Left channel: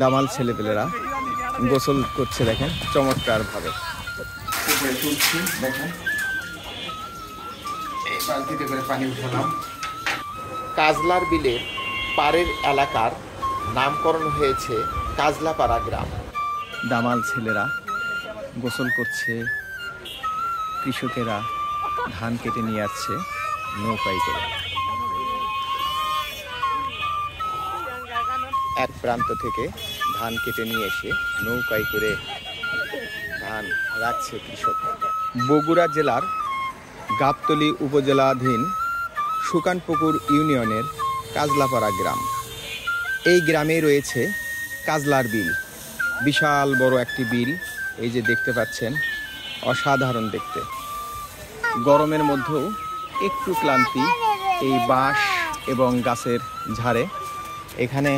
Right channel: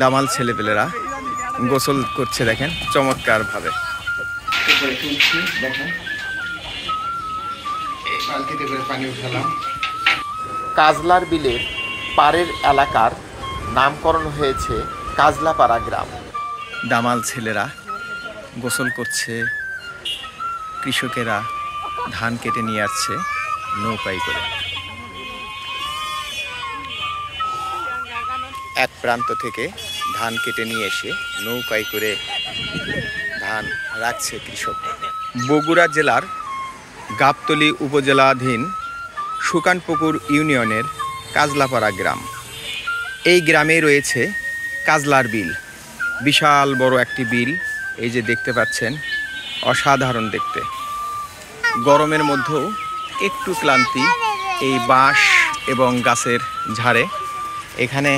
দামাল ছেলেপেলেরা গোসল করছে দেখেন চমৎকার ভাবে। কাজলার বিলের পাড়ের এলাকার নামকরণ হয়েছে কাজলাপাড়া গ্রাম। দামাল ছেলেরা গোসল করছে, কৃষকেরা ধান কেটে নিয়ে আসছে নৌকায় করে। এক প্রান্ত থেকে ধান কেটে নিয়ে এসে নৌকায় করে ধান রাখছে কৃষক। বগুড়া জেলার গাবতলী উপজেলাধীন সুকানপুকুর ইউনিয়নের কাজলাপাড়া গ্রাম। এই গ্রামে রয়েছে কাজলার বিল, বিশাল বড় একটি বিল। এই যে দেখতে পাচ্ছেন, অসাধারণ দেখতে। গরমের মধ্যেও একটু ক্লান্তি এই বাঁশ এবং গাছের ঝাড়ে। এখানে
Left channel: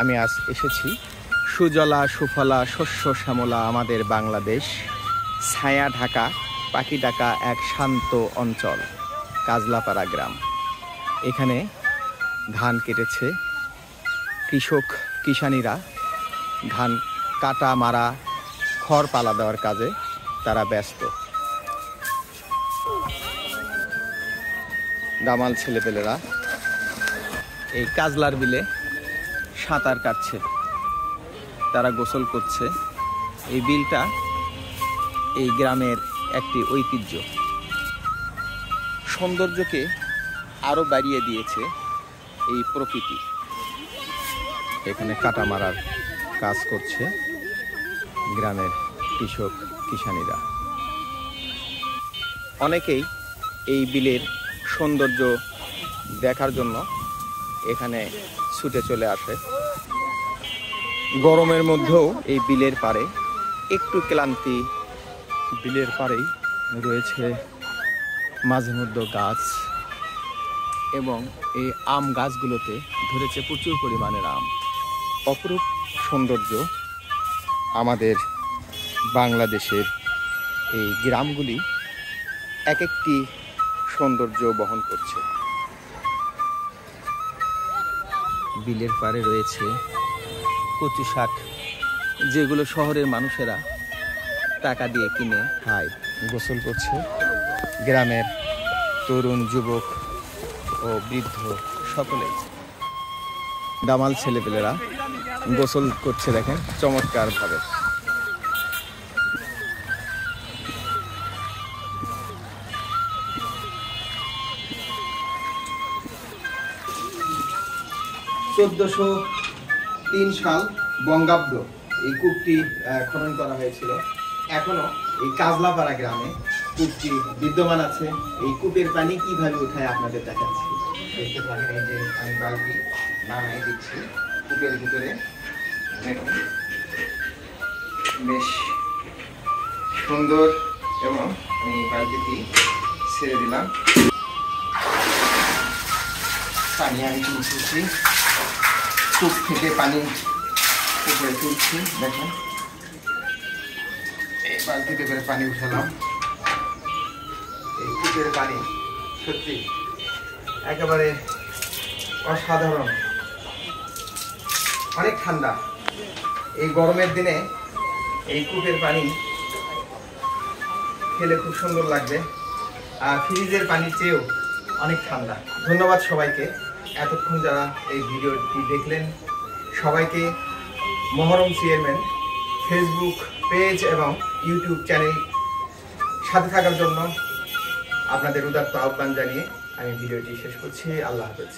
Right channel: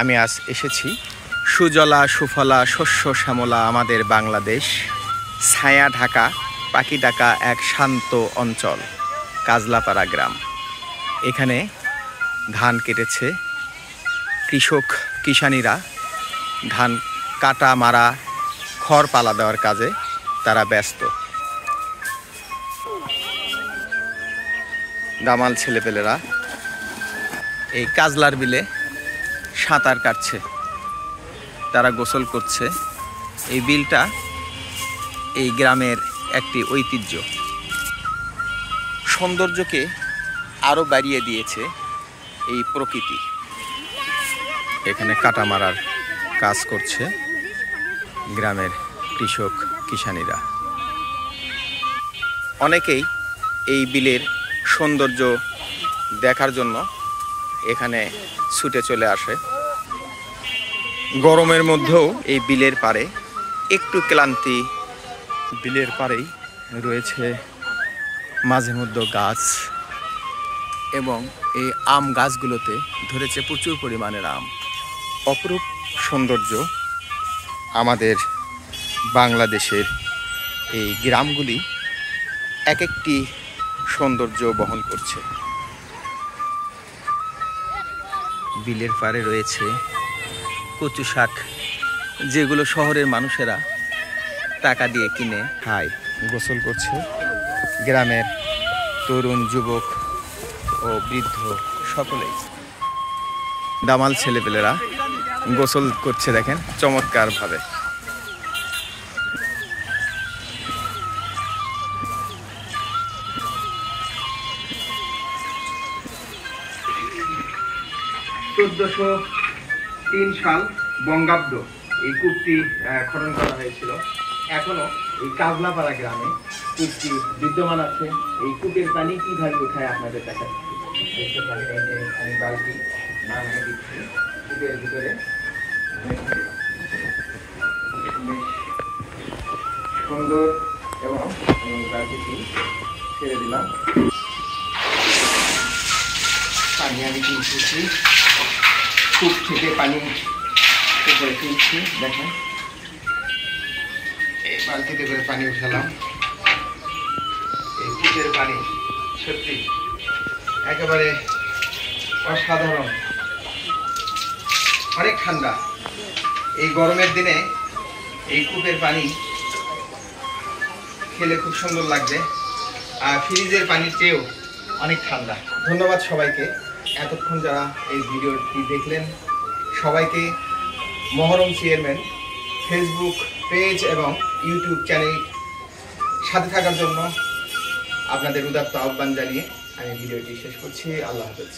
আমি আজ এসেছি। সুজলা সুফলা শস্য শ্যামলা আমাদের বাংলাদেশ, ছায়া ঢাকা পাখি ডাকা এক শান্ত অঞ্চল কাজলাপাড়া গ্রাম। এখানে ধান কেটেছে কৃষক, কিষানীরা ধান কাটা মারা খড় পালা দেওয়ার কাজে তারা ব্যস্ত। দামাল ছেলেপেলেরা এই কাজলার বিলে সাঁতার কাটছে, তারা গোসল করছে। এই বিলটা এই গ্রামের একটি ঐতিহ্য, সৌন্দর্যকে আরও বাড়িয়ে দিয়েছে এই প্রকৃতি। এখানে কাটা মারার কাজ করছে গ্রামের কৃষক কিষানীরা। অনেকেই এই বিলের সৌন্দর্য দেখার জন্য এখানে ছুটে চলে আসে। গরমের মধ্যেও এই বিলের পাড়ে একটু ক্লান্তি। বিলের পাড়েই রয়েছে মাঝে মধ্যে গাছ, এবং এই আম গাছগুলোতে ধরেছে প্রচুর পরিমাণের আম। অপরূপ সৌন্দর্য আমাদের বাংলাদেশের এই গ্রামগুলি এক একটি সৌন্দর্য বহন করছে। বিলের পাড়ে রয়েছে কচু শাক, যেগুলো শহরের মানুষেরা টাকা দিয়ে কিনে খায়। গোসল করছে গ্রামের তরুণ, যুবক ও বৃদ্ধ সকলেই। দামাল ছেলেপেলেরা গোসল করছে দেখেন চমৎকার ভাবে। (1403 সাল বঙ্গাব্দ এই কূপটি খনন করা হয়েছিল। এখনো এই কাজলাপাড়া গ্রামে কূপটি বিদ্যমান আছে। এই কূপের পানি কিভাবে উঠায় আপনাদের দেখাচ্ছি। দেখতে পারেন, এই যে আমি বালতি নামিয়ে দিচ্ছি কূপের ভিতরে। বেশ সুন্দর, এবং আমি বালতিটি ছেড়ে দিলাম। পানি আমি তুলছি, কূপ থেকে পানি উপরে তুলছি। দেখেন, এই বালতিতে করে পানি উঠালাম। এই কূপের পানি সত্যি একেবারে অসাধারণ, অনেক ঠান্ডা। এই গরমের দিনে এই কূপের পানি খেলে খুব সুন্দর লাগবে, আর ফ্রিজের পানির চেয়েও অনেক ঠান্ডা। ধন্যবাদ সবাইকে, এতক্ষণ যারা এই ভিডিওটি দেখলেন। সবাইকে মহরম চেয়ারম্যান ফেসবুক পেজ এবং ইউটিউব চ্যানেল সাথে থাকার জন্য আপনাদের উদাত্ত আহ্বান জানিয়ে আমি ভিডিওটি শেষ করছি। আল্লাহ হাফেজ।